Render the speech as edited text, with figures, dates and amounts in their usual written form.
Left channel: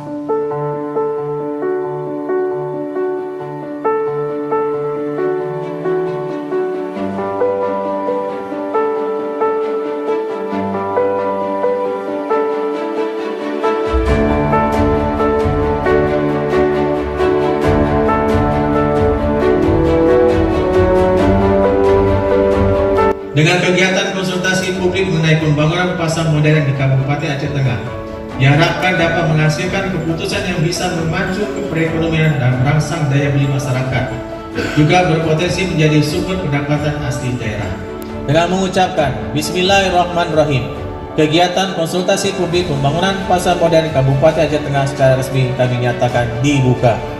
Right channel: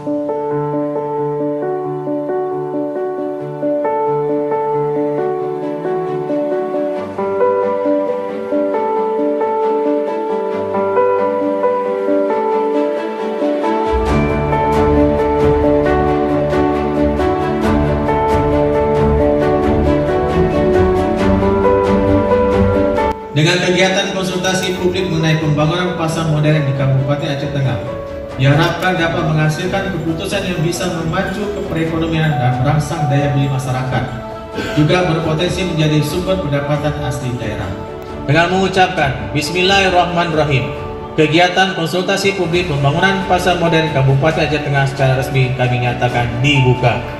Dengan kegiatan konsultasi publik mengenai pembangunan pasar modern di Kabupaten Aceh Tengah, diharapkan dapat menghasilkan keputusan yang bisa memacu perekonomian dan merangsang daya beli masyarakat, juga berpotensi menjadi sumber pendapatan asli daerah. Dengan mengucapkan Bismillahirrahmanirrahim, kegiatan konsultasi publik pembangunan pasar modern Kabupaten Aceh Tengah secara resmi kami nyatakan dibuka.